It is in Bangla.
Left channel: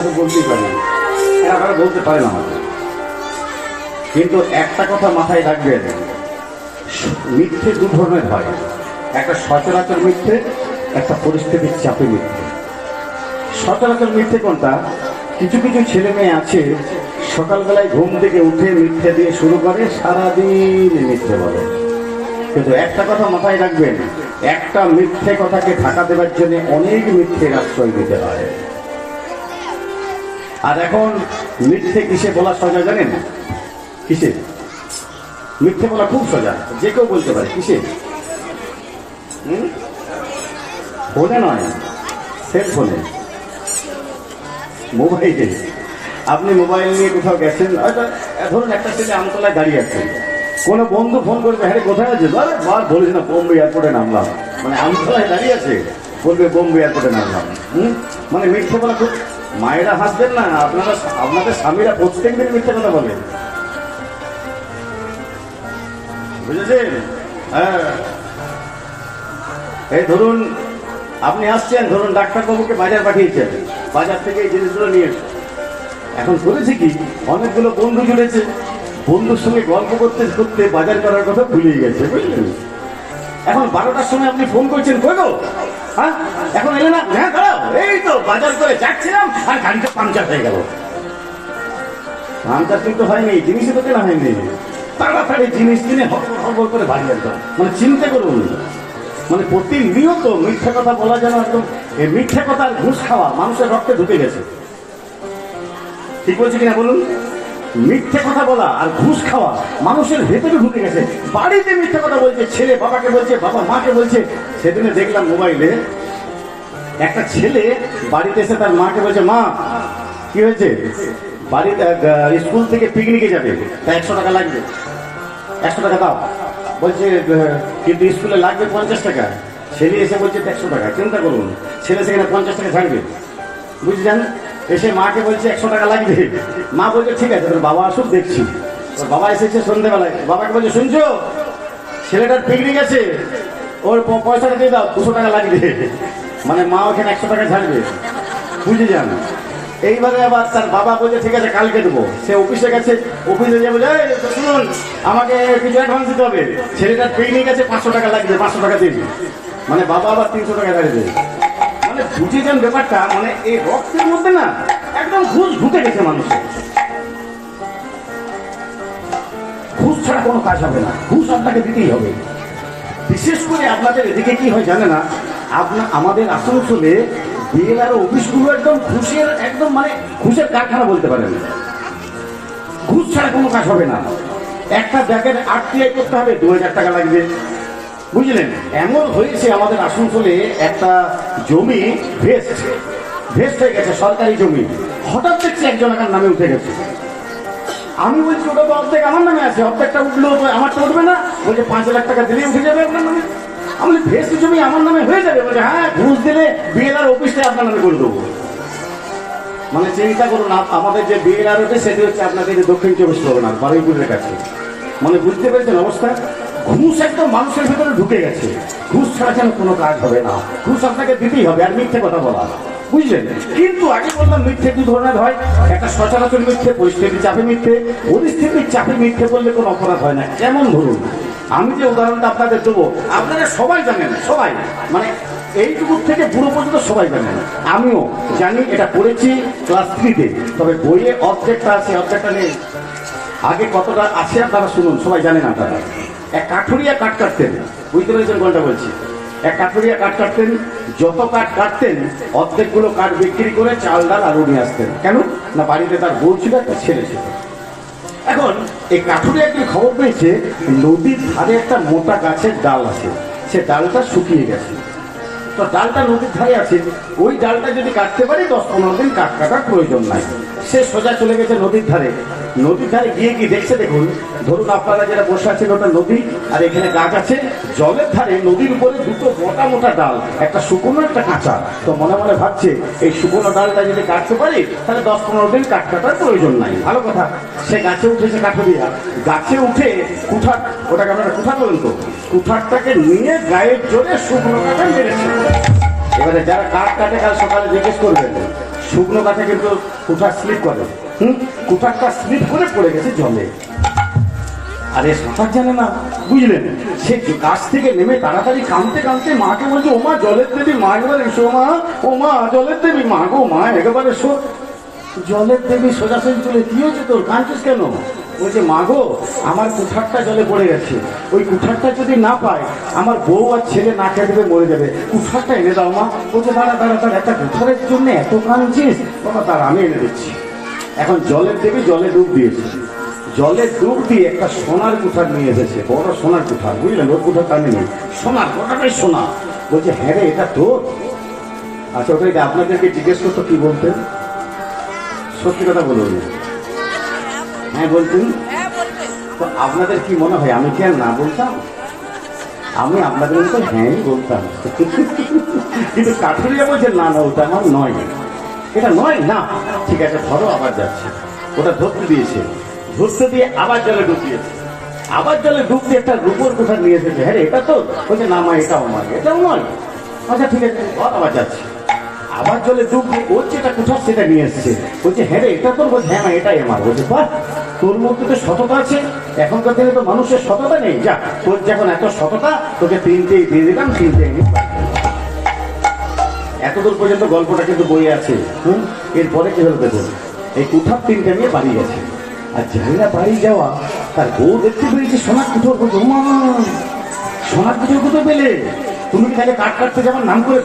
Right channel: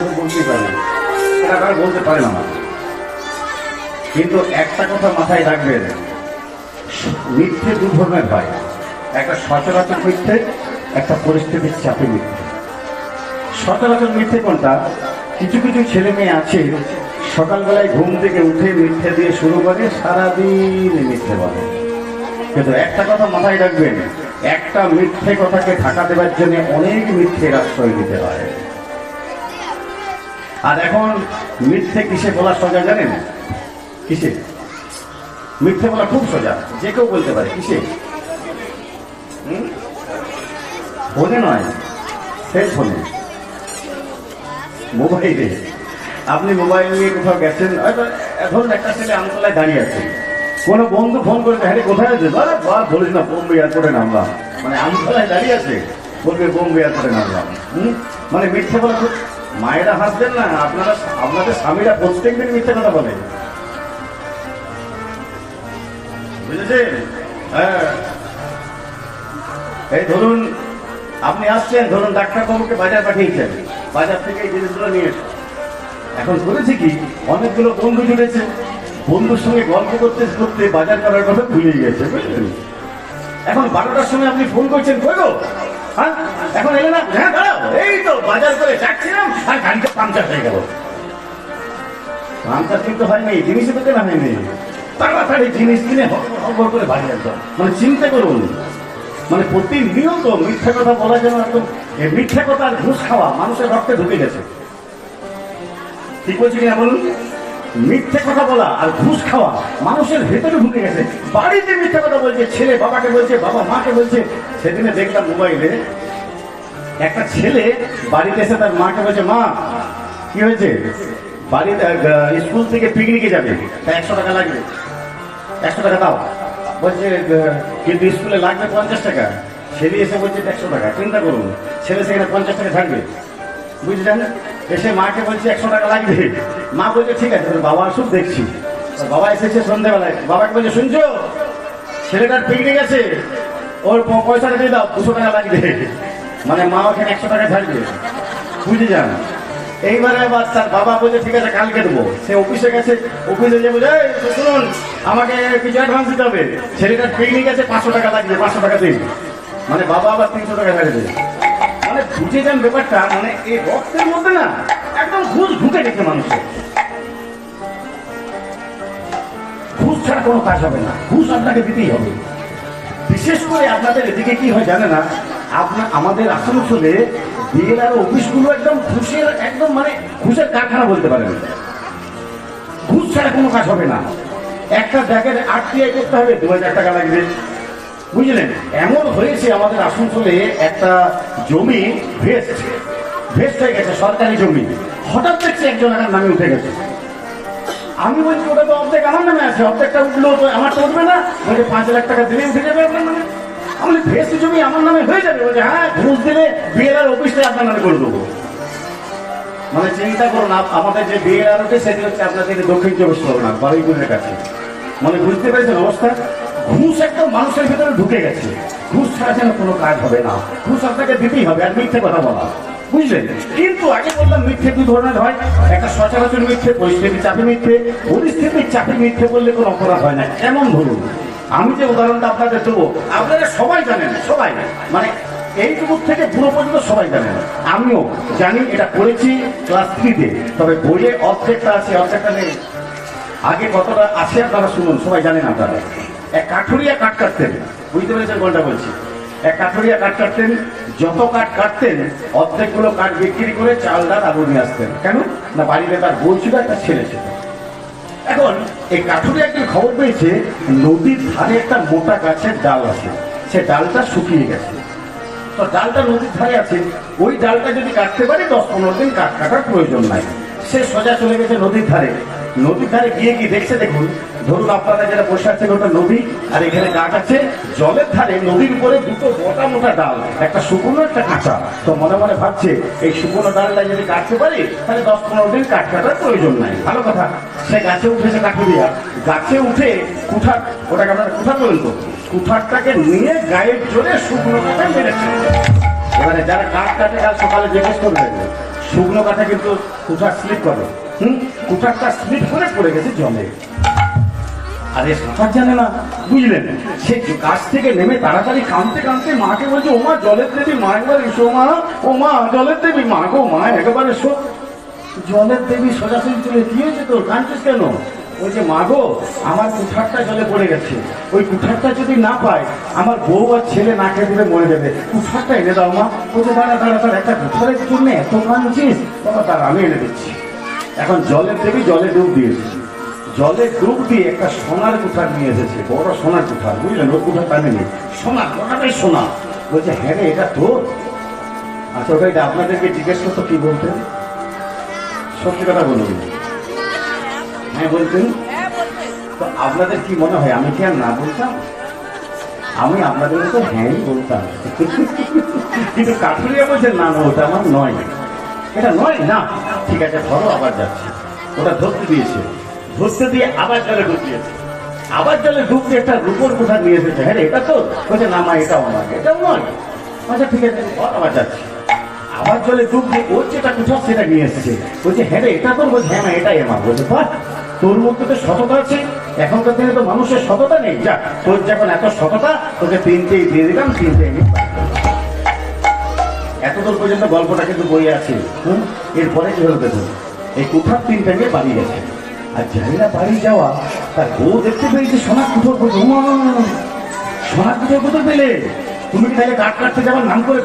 বলতেই পারে না, এরা কারো বলতে পারে না। কিন্তু একটা কথা মাথায় রাখবেন, মিথ্যে দু ধরনের হয়, একটা সচরাচর মিথ্যে, একটা পরিস্থিতির চাপে মিথ্যে। সচরাচর মিথ্যে কোনটা? কিছু কিছু ছেলে মেয়ে আছে সকালবেলায় ঘুম থেকে উঠে মিথ্যে দিয়ে শুরু করে, সারাদিন মিথ্যে বলে। কিন্তু একটা কথা মাথায় রাখবেন, একটা মিথ্যে কথাকে ঢাকা দেওয়ার জন্য অনেক মিথ্যের আশ্রয় দিতে হয়। আর এখন মিথ্যে কিসে বলা সোজা জানেন? কিসে মিথ্যে বলা খুব সোজা, যে কেউ বলতে পারে। কিসে? ফোনে নয়, সেলফোনে, মোবাইলে। আপনি মোবাইল নিয়ে কোথাও গেছেন, এখন একটা ছেলে আমতলায় দাঁড়িয়ে আছে, কোনো বন্ধু ফোন করে, হ্যাঁ কোথায় আছে? বা বলিস না, বোম্বে এয়ারপোর্টে নামলাম। মানে আমতলায় দাঁড়িয়ে আছে, বলবে বোম্বে এয়ারপোর্টে নামলাম। মানে মিথ্যে বলা খুব। মায়েরা হাসবেন না, আপনাদের স্বামীরা প্রত্যেকদিন মিথ্যে কথা বলেন, বুঝেছেন? হ্যাঁ, এই ধরুন আপনি আসছেন, ধরুন ডাক্তারবাবুকে বাজার পাঠিয়েছেন, বাজার থেকে এই জিনিসগুলো নিয়ে এসে। এখন করেছে কি, অনেকগুলো বন্ধু জুড়েছে, বন্ধুর সঙ্গে গল্প করতে করতে বাজার করার কথা ভুলে গেছে, বুঝলেন? এখন 12টার সময় আপনি ফোন করছেন, কই গো? হ্যাঁ, এখন এলে না? হ্যাঁ দাঁড়াও, এই তো বাজার করে যাচ্ছিলাম আর গাড়িটা পাংচার হয়ে গেল। পাংচার কিন্তু হয়নি, জিনিসই তো কেনা হয়নি। তাড়াতাড়ি জিনিস কিনে হড়বড় করে বাজার করা, মানে চিন্তা করুন। মানে প্রতিনিয়ত মিথ্যা কথা বলা যেন একদম, এই মিথ্যা কথা আর ঘুষ খাওয়া মানুষের রক্তে ঢুকে গেছে। ঠিক বলছি কিনা বলুন? মিথ্যে কথা বলা আর ঘুষ খাওয়া মানুষের ভেতরে ঢুকে গেছে। বাড়িতে মিথ্যে কথা বলছে, ছেলে বাবাকে বলছে, বাবা মাকে বলছে। সেদিনে দেখলাম মোবাইলে একটা ছেলে বাড়িতে এসে তার মাকে বলছে, মা কি হয়েছে, বাড়িতে স্কুল থেকে পিকনিকে যাবে, তা 100 টাকা লাগবে, 100 টাকা দাও। বলছে কিন্তু স্কুলে লাগবে 50 টাকা। ছেলে এসে বলছে 100 টাকা। চিন্তা করুন, ছেলে সেখানে 50 টাকা থাকবে, বুঝলেন? এসে মাকে বলছে 100 টাকা লাগবে। মা বলছে ঠিক আছে, বাবা আসুক দেখছি। বাবা এসেছে সন্ধ্যাবেলায়, বাবাকে বলছে, শুনছো ছেলেটার পিকনিক আছে, ওর পয়সাটা দিয়ে দাও, 200 টাকা লাগবে। মানে মা ওখানে 100 টাকা ছাড়বে, বুঝে যান। এইবারে আবার তার বাবা বলছে ঠিক আছে কালকে দেবো। সে অফিসে গেছে, অফিসে যাবো, শুনুন আমাকে কিছু অ্যাডভান্স দিতে হবে, ছেলেটার পিকনিক আছে, 500 টাকা লাগবে, 500 টাকা দিন। মানে বাবা আবার 300 টাকা ছাড়ে দেবে। মানে বুঝে যান ব্যাপারটা। মানে এই রক্তের মধ্যে না একদম ঘুষ ঢুকে গেছে মানুষের। ঘুষ ছাড়া কোনো কাজ হবে না, ঘুষ আপনাকে দিতেই হবে। বিশেষ করে আপনাদের এদিকে কি হয় জানে না, আমাদের আসানসোলে বিএলআর অফিসগুলো একদম ঘুষের, একদম মানে ঘুষের কারখানা বলতে পারেন। ঘুষ ছাড়া কোনো কাজ হবে না। একটা ব্যাগের আরটিআই করতে হবে, 2000 টাকা লাগবে, বুঝলেন? এমন হয়েছে আমাদের আসানসোলে একটা জমি ভেস্ট হয়ে গেছে, সরকারি জমি। হঠাৎ দেখছি একজন নামে উঠে গেছে। আমি বলছি ওটা তো অর্ধেক আমার নামে আছে, অর্ধেকটা উঠলেও আমার তো উঠবে না। বলছে 5 লাখ টাকা দিলেই উঠে যাবে আপনার নামে। আমি ভেস্ট জমি আমার নামে হয়ে যাবে? বলছে হ্যাঁ, ঘুষ দিলে বিএলআর অফিসটা আপনার নামে করে দেবো। মানে চিন্তা করুন, আমাদের যে বিএলআর ওঠে সেটি হচ্ছে আপনাদের দক্ষিণ 24 পরগনার বারুইপুরের কাছে। মানে বুঝতে পেরেছেন অবস্থা? ঘুষ একদম মানুষের ভিতরে ঢুকে গেছে। ঘুষ ছাড়া যেন কোনো কাজ হবে না, ঘুষ আপনাকে দিতেই হবে। আর মিথ্যে কথা বলা, বুঝলেন? কিন্তু আগে বললাম মিথ্যে দু ধরনের হয়, একটা সচরাচর মিথ্যে, পরিস্থিতির চাপে মিথ্যে। পরিস্থিতির চাপে মিথ্যে বললে কোনো অপরাধ হয় না। যেমন ধরুন আমি যে উদাহরণটা আপনাদের দেবো, আপনারা সবাই জানেন, সবাই মানে এইটুকু থেকে বুড়ো পর্যন্ত সবাই জানেন, আমিও জানি, এটা পড়েছি ক্লাস 3-তে। তবে বইয়ে অর্ধেকটা আছে, অর্ধেকটা নেই। আগে কতটা আছে আপনারা শুনুন, সবাই জানেন আপনারা। এক কাঠুরিয়া কাঠ কাটতেন, বুঝতে পেরেছেন কোনটা বলছি? এক কাঠুরিয়া কাঠ কাটতেন, যত কাঠ কাটতেন অর্ধেকগুলো কাঠ বিক্রি করে চাল ডাল আলু নিয়ে আসতেন। কেন না, বাড়িতে তার বউ ছিল, একটা ছেলে ছিল। এখন এই কাঠুরিয়া একদিন খবর পেয়েছে নদীর ধারে একটা মোটা গাছের ডাল আছে, সে ডালটা শুকিয়ে গেছে। তো ডালটা নদীর ধারে আছে, ওই ডালটা যদি কাটতে পারে 10-15 দিন কাঠ কাটার প্রয়োজন নাই। সে সোজা চলে গেছে নদীর ধারে। নদীর ধারে গিয়ে কি দেখছে দেখুন, ধরুন আপনারা যারা বসে আছেন ওটা নদী, আর এখানে গাছ আছে। জলের ধারে নদীর উপরে দুটো মোটা মোটা ডাল, একটা শুকনো একটা কাঁচা। তো মনে মনে ভাবছে এই শুকনো ডালটা যদি কাটতে পারি তাহলে 10-15 দিন কাঠ কাটার প্রয়োজন নাই, ভালো কথা। সে গাছে উঠেছে কাঠুরিয়া, গাছে উঠে কুঠার, ওটাকে আপনারা কুঠার বলতো, কুঠারটাকে নিয়ে গায়ের জোরে শুকনোটাকে মেরেছে। এবারে যারা কাঠ কাটে কাল সকালে জিজ্ঞেস করবে শুকনো কাঠা কিন্তু কুঠার স্লিপ করে, কুঠারটা স্লিপ করে পড়ে গেছে জলে। আরে সাঁতার জানে না, বুঝলেন? সে গাছ থেকে নেমে তাড়াতাড়ি কাঁদতে কাঁদতে মাকে বলছে, ও মা জলের দেবী মা, একেবারে এসো মা, ও মা জলের দেবী মা গো মা, একেবারে এসো। জলের দেবী সোজাসুজি চলে, কি হয়েছে তোর, কাঁদছিস কেন? বলছে, মা গো আমার কুঠারটা জলে পড়ে গেছে, ওই কুঠারটা যদি না পাই আমার বউ আর ছেলে না খেয়ে দেবে, মরে যাবে, কুঠারটা এনে দাও মা। বলছে, দাঁড়া দাঁড়া দাঁড়া, একটা কুঠারের জন্য এত কাঁদছিস? বাবা দাঁড়া, আমি এনে দিচ্ছি। এখন জলের দেবী জলে ডুব দিয়েছে, জলে ডুব দিয়ে একটা সোনার কুঠার নিয়ে এসেছে, বড় সোনার কুঠার, বুঝলেন? ওর কুঠার কানে নেই, সোনার, গোটাটাই সোনা। বলছে, হ্যাঁ রে এটা তো। আচ্ছা ওটাই আপনাদেরকে জিজ্ঞেস করতো কি বলতেন, সত্যি কথা বলুন। হ্যাঁ বলতেন? তো আপনাদের কি মনে হয় আমি কি আর না বলতাম? আমি আপনাদের মতো হ্যাঁ বলতাম। কিন্তু কাঠুরিয়া বলছেন, না না ওটা আমার নয়, এটা নয় না। ঠিক আছে ধরো, আবার যাচ্ছে, ওটা ধরতে দিয়েছে, ধরতে দিয়ে আবার জলে ডুব দিয়েছে, আবার জলে ডুব দিয়ে একটা রূপোর কোঠা নিয়ে এসেছে। হ্যাঁ এটা তো। বলছে, না মা এটাও নয়, এটাও নয়। আচ্ছা ঠিক আছে, আবার যাচ্ছে, আবার জলে ডুব দিয়ে ওর যেটা কোঠা সেটা নিয়ে এসেছে। বলছে, হ্যাঁ রে এটা তোর? বলছে, হ্যাঁ এটাই আমার। বলছে, বাহ, তোর মধ্যে তো সততা আছে, এখনকার দিনে তো মানুষের সততা নেই। যা, তোর যখন এত সততা, তোকে তিনটেই দিয়ে দিলাম, তিনটেই নিয়ে। এতদূর পর্যন্ত গল্পটা কিন্তু বইয়ে আছে। এরপরে কি হলো দেখুন, এই কুঠার তিনটা নিয়ে বাড়ি গেছে, আর জানি না বাড়ি যাওয়া তার বউ দেখতে পেয়েছে সোনার কুঠোর, সোনার কুঠোর কোথায় পেলে? তুমি তাহলে কাঠ কাটতে যাওয়ার নাম করে